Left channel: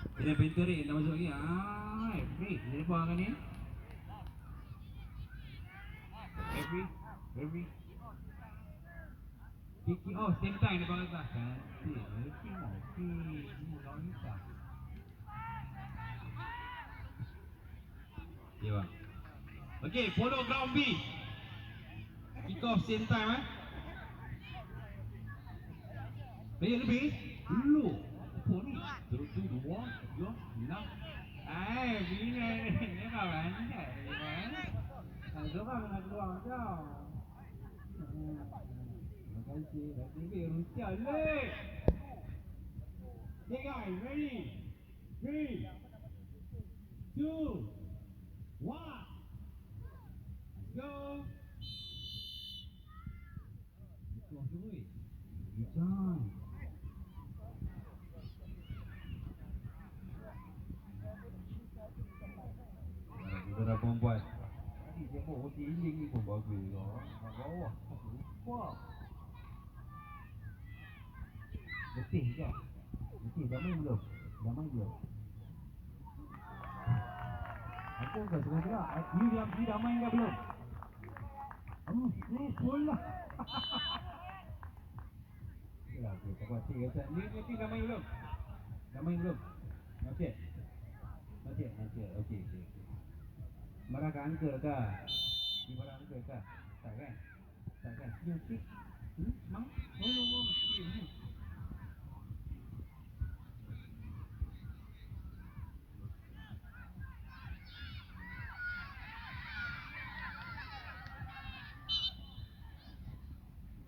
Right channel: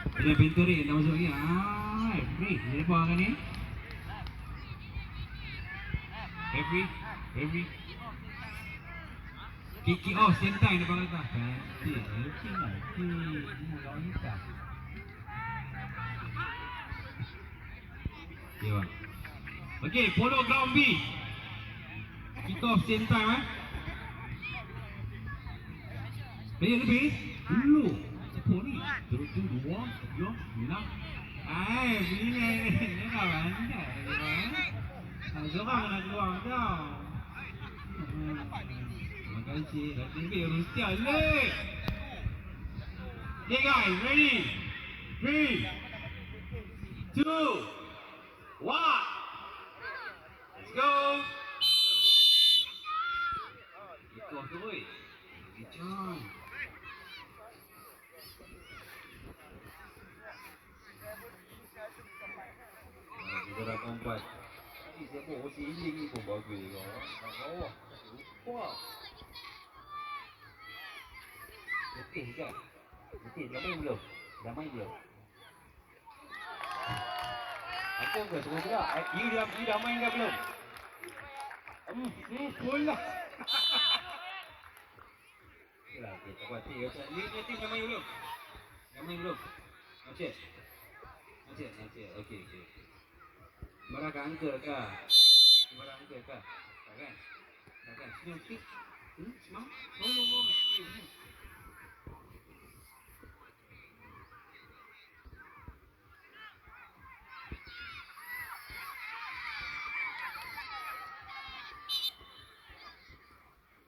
Ada pintu ni, dah masuk lagi. Free. Dia apa kan ni? Every. Kicking off same time depan kita. Penalty. Lawan kita. Okay, bang. Okay, follow ground B. Kick off same time, lebih. Dulu. Apa ni? Terus 2, 3, 9. Begini. Ini kawan. Seorang nak keluar tau. Terima kasih. Dah tinggi Rusia leh. Okay guys, ready? 3, 2, 1. Let's go. Kick off tu weh. Kejam. Kita dah buat. Tadi siapa? Si Iling ni pun bagus kau. Nak bawah. Lupa. Letih ke? Letih dah main belum? Dah main belum? Apa kau tengok-tengok? You dah main ke belum? Full lah. Okeylah, okey. Tak buat hati. Ni dah main belum? Dah main belum? Not yet. Okey. Marah kat uncle kah? Ni marah uncle kah? Tak kan? Sini okey. Semang? No.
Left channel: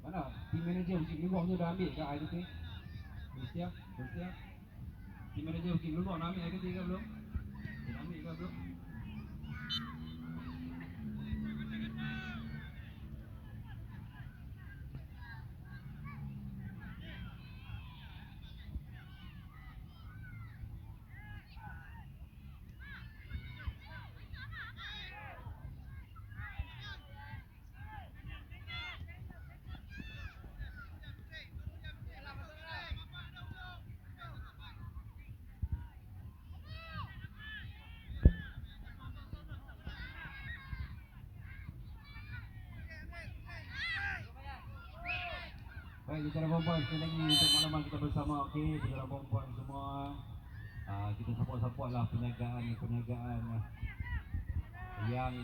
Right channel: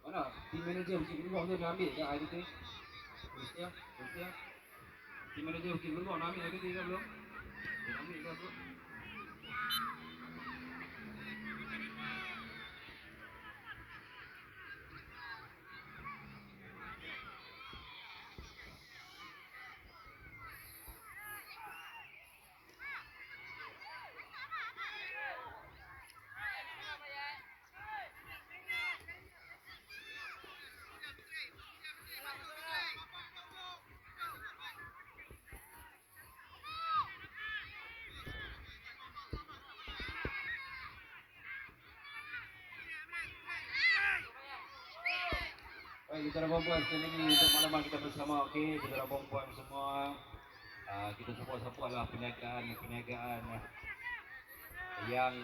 Mana? Team manager Bukit Meluak tu dah ambil kat air putih? Dah siap. Team manager Bukit Meluak nak ambil air putih ke belum? Dah ambil ke belum? Baik, saudara perempuan, sekali lagi untuk makluman kita bersama, okey, saudara perempuan semua, kita support lah perniagaan yang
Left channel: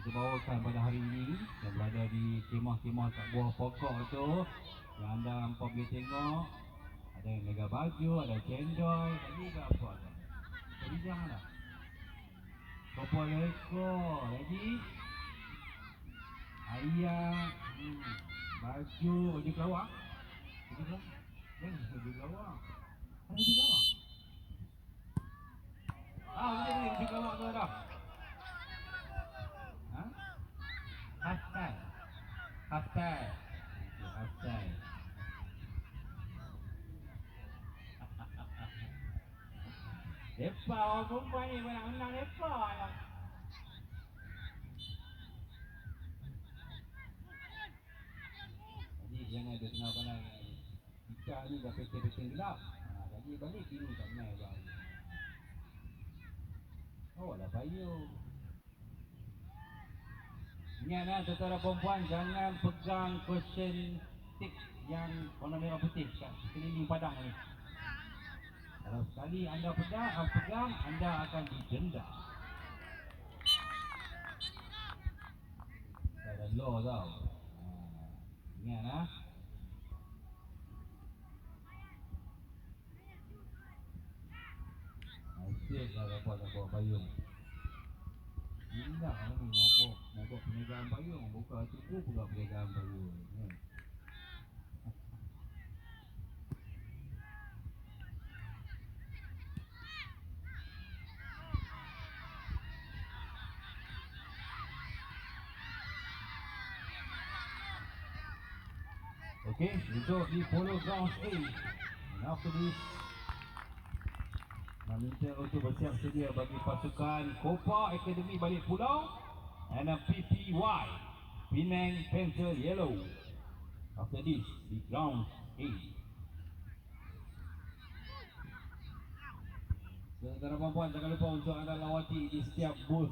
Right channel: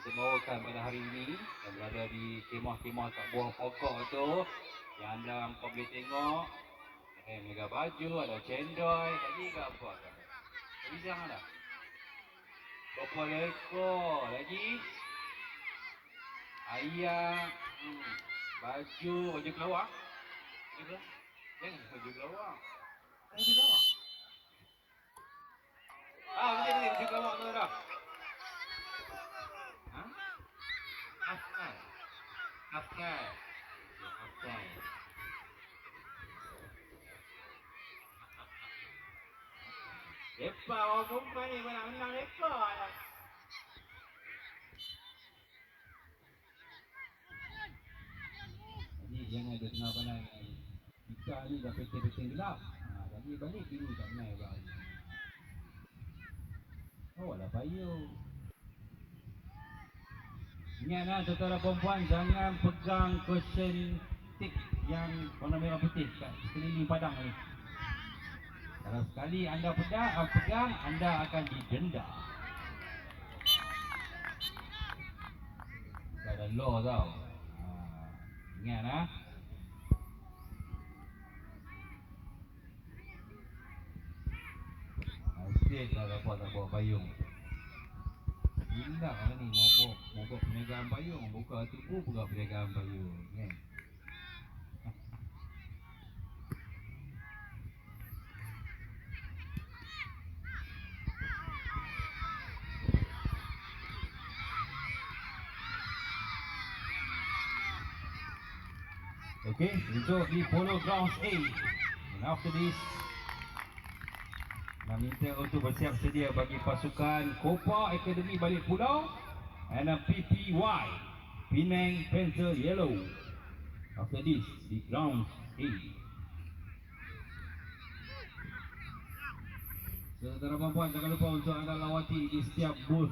kita bawakan pada hari ini yang berada di kemah-kemah kat bawah pokok tu, yang anda hampa boleh tengok. Ada yang mega baju, ada cendol, lagi ke apa? Bijang ada. Berapa lekor lagi? Ayam, baju kelawar. Jangan baju kelawar. Baju kelawar. Baju kelawar tu dah. Half time. Lepas orang perempuan ni kau nak menang lepas. Jadi jangan ada tengah pandang kita ni dah petang-petang gelap. Balik ini tak menang bang. Lah payung. Ingatlah saudara perempuan, jangan pegang cushion stick yang warna merah putih kat sekeliling padang ni. Kalau sekali anda pegang, anda akan didenda. Ada law tau. Ingat asyik dah dapat tak bawa payung. Gila ni mogok perniagaan payung. Buka tipu buka perniagaan payung kan. Okay, untuk di Polo Grounds A. And after this, nak minta untuk bersiap sedia bagi pasukan Copa Academy balik pulau and PPY Penang Panther Yellow. After this, di Grounds A. Saudara perempuan, jangan lupa untuk anda lawati di setiap booth